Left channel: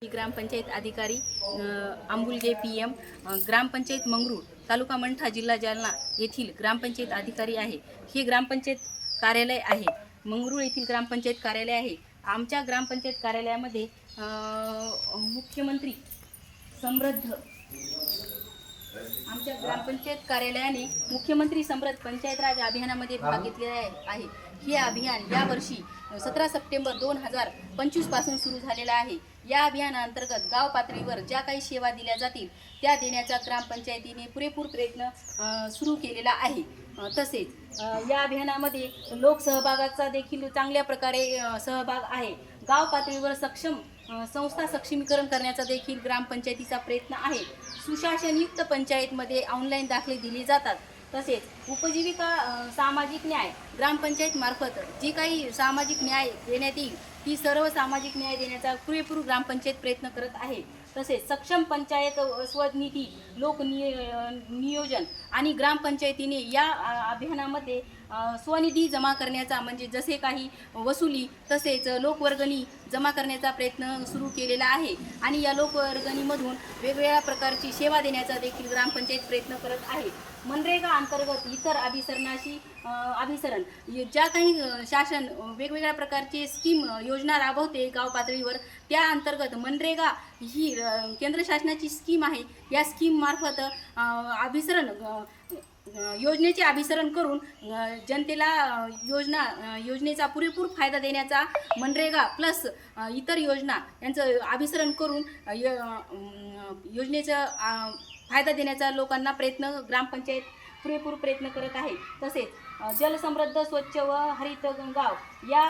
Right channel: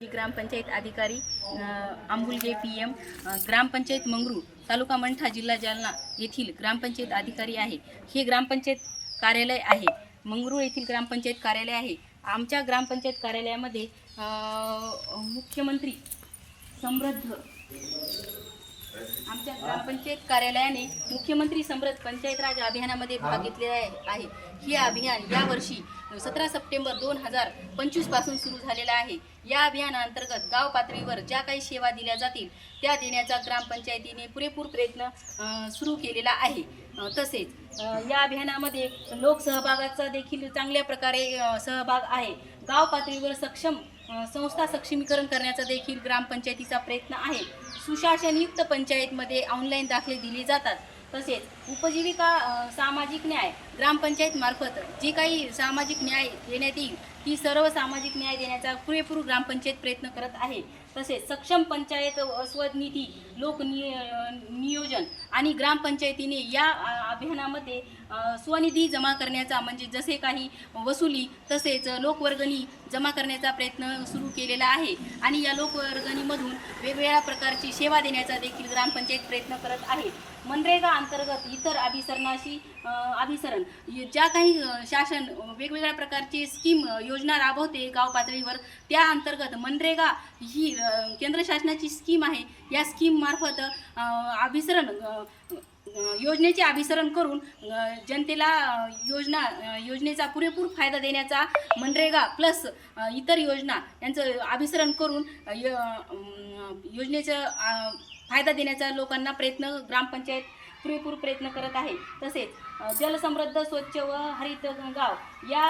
ग्रामपंचायत अधिकारी आंबुलगे PM ग्रामपंचायत मंगरूळ तालुका मंठा जिल्हा जालना येथील ग्रामपंचायत अधिकारी आहे। हे ग्रामपंचायत कार्यालय आहे, मंगरूळ येथील ग्रामपंचायत कार्यालय आहे। आमच्या ग्रामपंचायत कार्यालयामध्ये मुख्यमंत्री समृद्ध आमच्या ग्रामपंचायत कार्यालयाने मुख्यमंत्री समृद्ध पंचायत राज अभियानामध्ये भाग घेतलेला आहे। हे अभियान यावर्षी 17 सप्टेंबर 2025 पासून सुरू झालेला आहे। या अभियानाअंतर्गत गाव पातळीवर ज्या काही सेवा दिल्या जातील त्या देण्याचा ग्रामपंचायतीने पुरेपूर प्रयत्न सुरू केलेला आहे। तसेच या अभियानामध्ये लोकसहभागाचा देखील चांगल्या प्रकारे सहभाग आहे। गाव पातळीवर सक्षम संस्था सक्षमीकरण करण्याचा देखील ग्रामपंचायतीचा प्रयत्न आहे। सुशासनयुक्त पंचायतमध्ये ऑनलाईन दाखले दिले जातात। तसेच उपजीविका सामाजिक न्याय ग्रामपंचायत मार्फत जी काही सामाजिक न्याय देण्यात येईल ती सर्व सामाजिक न्याय देण्याचा पुरेपूर ग्रामपंचायत प्रयत्न करत आहे। तसेच सक्षम पंचायत स्वनिधी लोक नियोजन आणि ग्रामपंचायतीने या अभियानामध्ये स्वनिधी जमा करण्याचा म्हणजे जसे काही वसुली तसेच लोकवर्गणी जमा करण्याचा प्रयत्न सुरू केलेला आहे आणि या लोकवर्गणीमधून वेगवेगळ्या प्रकारची सेवा देण्याचा देखील ग्रामपंचायत प्रयत्न करत आहे। मनरेगा अंतर्गत इतर अभिसरण ज्या काही शासन वेगवेगळ्या प्रकारचे स्कीम योजना राबवते गाव पातळीवर त्या अंतर्गत मनरेगा ही केंद्र शासनाची स्कीम आहे। या स्कीम मार्फत योजनेचे अभिसरण करून जनतेला योजनेचा पुरेपूर फायदा देण्याचा मनरेगा प्लस इतर योजना यांचं अभिसरण करून योजनेचा फायदा देण्याचा लोकांना ग्रामपंचायत पुरेपूर प्रयत्न करत आहे। तसेच जलसमृद्ध स्वच्छ व हरित गाव या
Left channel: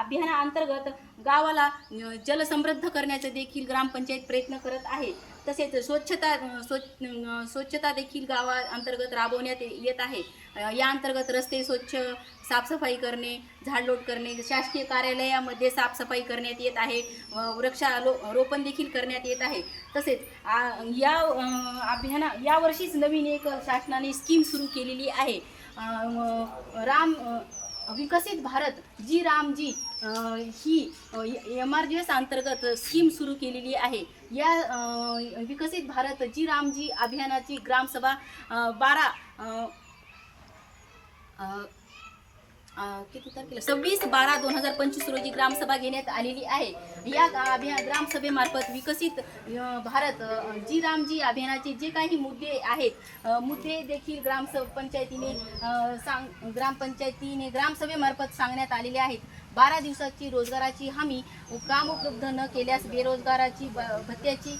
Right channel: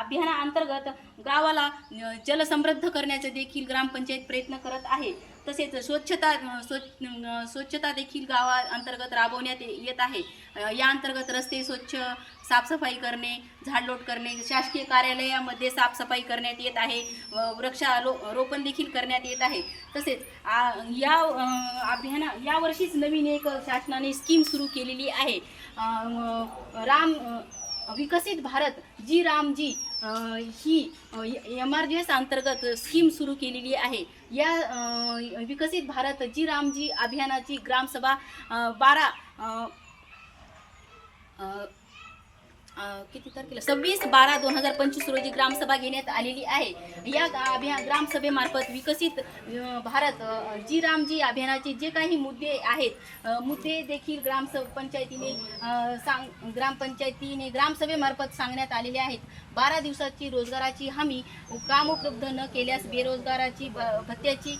अभियानाअंतर्गत गावाला जलसमृद्ध करण्याचा देखील ग्रामपंचायत प्रयत्न करत आहे। तसेच स्वच्छता देखील गावाअंतर्गत राबवण्यात येत आहे। या अंतर्गत रस्ते स्वच्छ साफसफाई करणे, झाडलोट करणे, शासकीय कार्यालयामध्ये साफसफाई करण्यात येत आहे, वृक्षारोपण देखील करण्यात येत आहे। तसेच यावर्षीच नवीन एक शासनाने स्कीम सुरू केलेली आहे, विकसित भारत जी रामजी ही MRGS अंतर्गत स्कीम सुरू केलेली आहे। या विकसित भारत जी रामजी अभियानाची ग्रामसभा 26/12/2025 रोजी ग्रामसभा घेण्यात आलेली आहे। या ग्रामसभेमार्फत विकसित भारत जी रामजी अभियानाचे जे काही मुद्दे आहेत मुद्दे देखील ग्रामपंचायतीने ग्रामसभेमार्फत सांगण्यात आलेले आहेत। 12 दिवसाची रोजगाराची हमी, काम उपलब्ध न केल्यास बेरोजगाराची भत्त्याची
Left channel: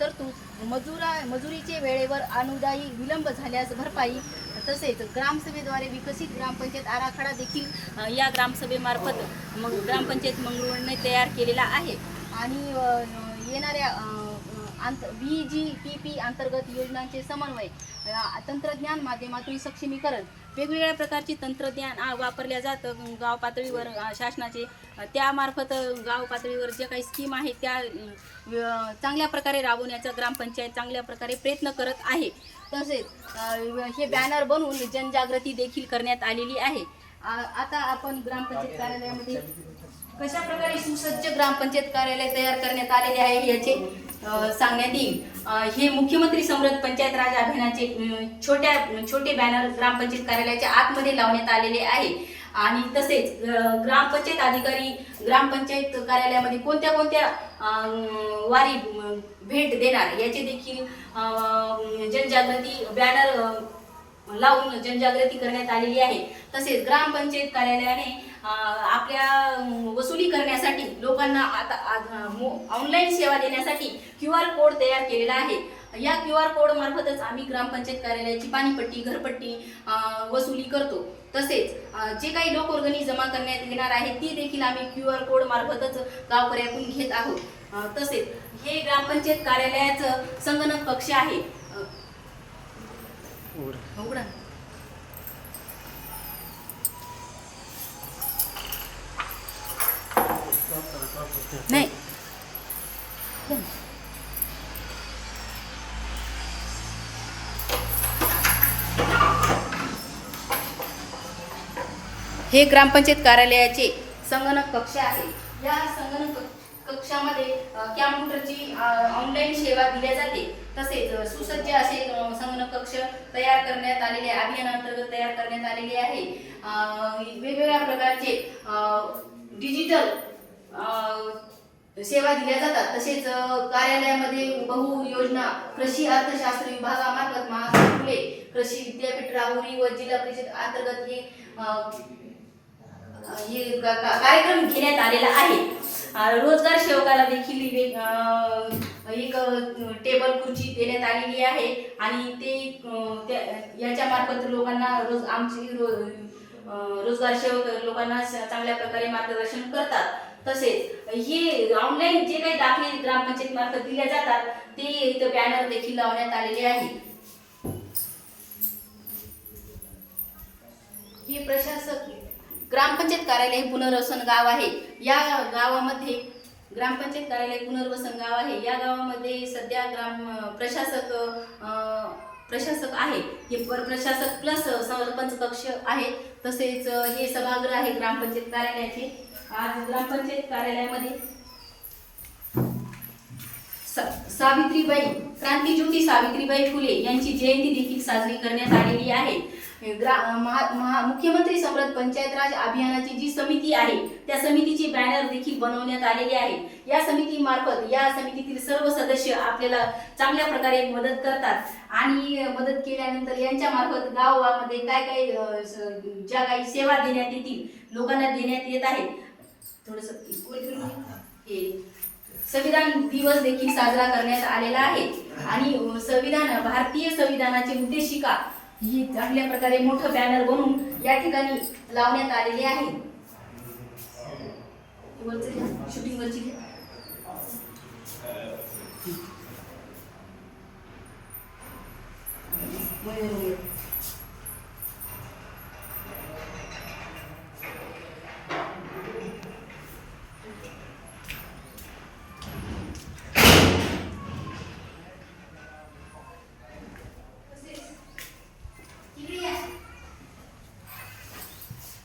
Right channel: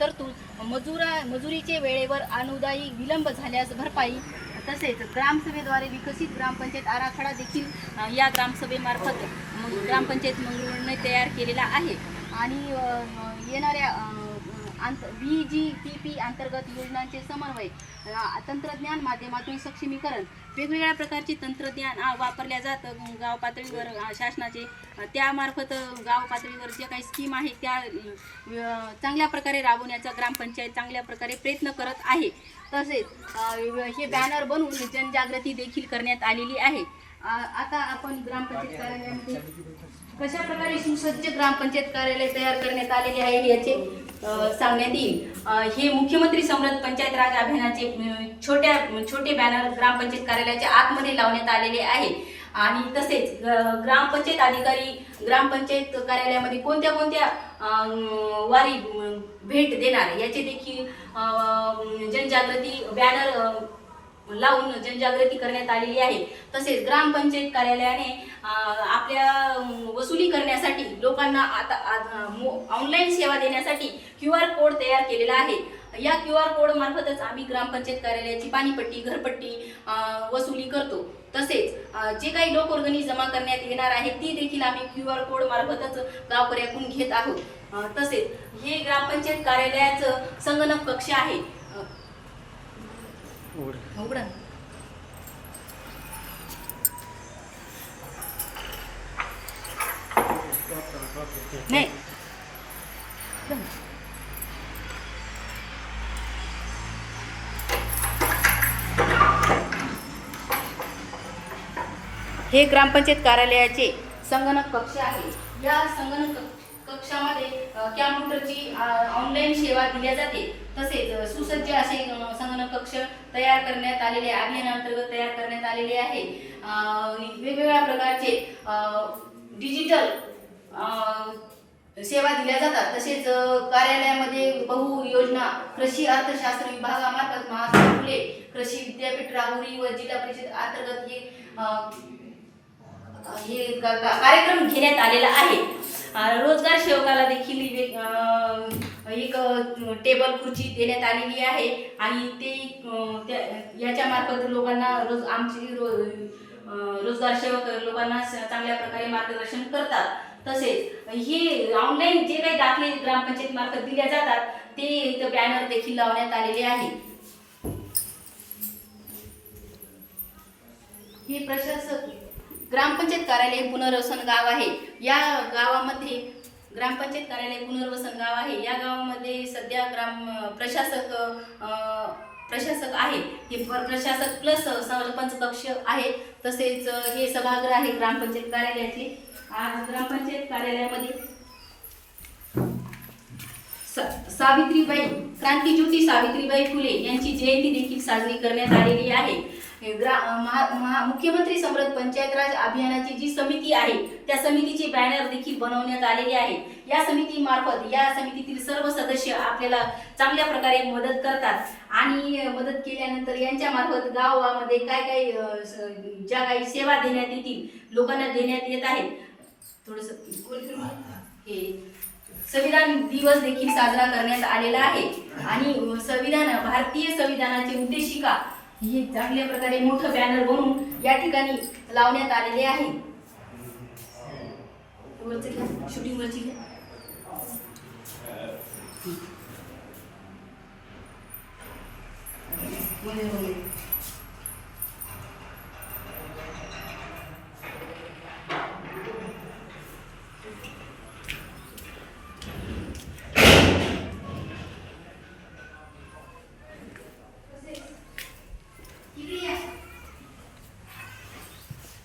तरतूद, मजुरीचे वेळेवर अनुदायी विलंब झाल्यास भरपाई, तसेच ग्रामसभेद्वारे विकसित ग्रामपंचायत आराखडा देखील या ग्रामसभेमार्फत ग्रामपंचायत मंगरूळने तयार केलेला आहे। आणि येणाऱ्या VGPP अंतर्गत योजनांचे समन्वय, तंत्रज्ञान माध्यमातून सक्षमीकरण, वेगवेगळ्या प्रकारचे तंत्रज्ञान वापरल्या जातं गाव पातळीवर शासनाचे, त्यामार्फत गाव पातळीवर जे काही स्कीम आहे त्या चांगल्या प्रकारे राबवण्याचा ग्रामपंचायत चांगल्या प्रकारे प्रयत्न करत आहे। तसेच हे बॅनर बनवून जनजागृती देखील करण्यात आलेली आहे। आता आपण ग्रामपंचायत कार्यालयामध्ये कशा प्रकारे सुसज्ज ग्रामपंचायत कार्यालय तयार करण्यात आलेले आहे याचे सांगण्यात येईल। हे मुख्यमंत्री समृद्ध पंचायत राज अभियानाचे छोटे बॅनर ग्रामपंचायत कार्यालयाच्या आतमध्ये लावण्यात आलेले आहे। आणि तसेच ग्रामपंचायत अधिकारी ग्रामपंचायत कार्यालयामध्ये कोणत्या वारी भेट देणार याचे देखील जनजागृती बॅनर लावून जनजागृती करण्यात आलेली आहे। तसेच ग्रामपंचायत कार्यालयाने आपल्या वसुली करण्यासाठी लोकांना आता ऑनलाईन सेवा देण्यासाठी QR कोड तयार केलेला आहे। या QR कोड मार्फतच आम्ही ग्रामपंचायत कार्यालयाची पाणीपट्टी, घरपट्टी वसुली करतो। तसेच जे काही लोकवर्गणी जमा करण्यात येणार आहे ती देखील आम्ही QR कोड मार्फतच गावकऱ्याकडून घेत आहोत। तसेच हे ग्रामपंचायत कार्यालयाचं संगणक कक्ष आहे। उघडा नाही हे ग्रामपंचायत कार्यालयाचे संगणक कक्ष आहे। या संगणक कक्षामध्ये कॅम्प्युटरची ऑनलाईन सेवा दिल्या जाते. तसेच सुसज्ज असे संगणक कक्ष तयार करण्यात आलेले अभियानांतर्गत तयार करण्यात आलेले आहे. वेगवेगळ्या प्रकारचे डिजिटल सेवा दिल्या जातात. तसेच कार्यालयामध्ये बहु योजना कृषी अर्थशास्त्र विभागामार्फत महात्मा फुले कृषी विद्यापीठ राहुरी व जिल्हा परिषद अंतर्गत हे कार्यक्रम घेण्यात आलेला आहे. रोजगार सेवकाला देखील एक टेबल खुर्ची देण्यात आलेली आहे आणि ते याच्या मार्फत लोकांना रोजगार सेवक लोकांना चांगल्या प्रकारे मार्गदर्शन करतात. तसेच हे ऑनलाईन जे काही दाखले ग्रामपंचायत मार्फत दिल्या जातात ते इथं बॅनर देखील लावण्यात आलेले आहे. ही प्रशासक ग्रामपंचायत कार्यालय पुनर्वसन गाव आहे. या गावामध्ये ग्रामपंचायत कार्यालय पुनर्वसन गाव आहे. या गावामध्ये सध्या प्रशासक आहे. हे प्रशासक प्लस सरपंच कक्ष आहे. तसेच हे सभागृह आहे ग्रामपंचायत कार्यालयाचे. आज ग्रामपंचायत कार्यालयामध्ये सावित्रीबाई क्रांतिज्योती सावित्रीबाई फुले यांची जयंती देखील साजरी करण्यात आलेली आहे. मुख्यमंत्री समृद्ध पंचायत राज अभियानाची जी समिती आहे त्या समितीचे बॅनर देखील बनवण्यात आलेले आहे. या समितीमार्फत या समितीतील सर्व सदस्य आपल्याला चांगल्या प्रकारे मदत करतात आणि मदत केल्यानंतर यांच्या मार्फत गावामध्ये काय काय ज्या काही सेवा देण्यात येतील लोकांना देण्यात येत आहेत. थोडस हे संविधान दिवस देखील साजरा करण्यात आलेला आहे आणि भारतीय संविधानाची उद्देशिका ही चांगल्या प्रकारे मोठं बॅनर बनवून या ठिकाणी लावण्यात आलेले आहे. शूटिंग वरची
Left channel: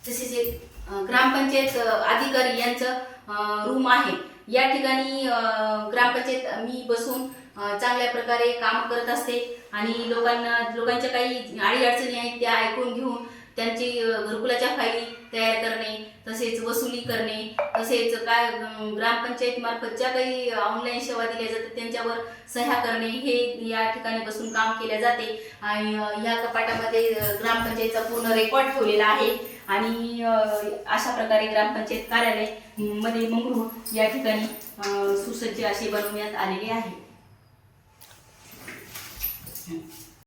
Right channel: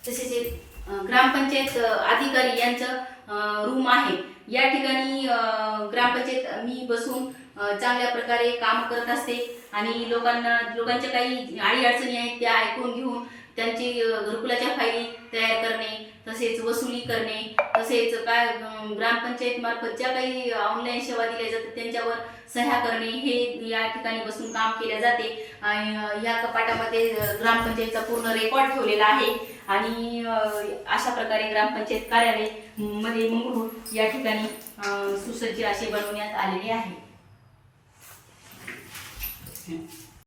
तसेच एक ग्रामपंचायत अधिकारी यांचं रूम आहे. या ठिकाणी ग्रामपंचायत मी बसून चांगल्या प्रकारे काम करत असते आणि लोकांच्या काही अडीअडचणी आहेत त्या ऐकून घेऊन त्यांची घरकुलाच्या फायली तयार करणे, तसेच वसुली करणे, तसेच काय ग्रामपंचायत मार्फत ज्या काही ऑनलाईन सेवा दिल्या जातात त्यांच्यावर सह्या करणे हे या ठिकाणी बसून काम केले जाते. आणि या कपाटामध्ये ग्रामपंचायतचा पूर्ण रेकॉर्ड ठेवलेला आहे आणि अशा प्रकारे ग्रामपंचायत कार्यालय मध्ये मंगरूळ या ठिकाणी सुसज्ज असे बनवण्यात आलेले आहे.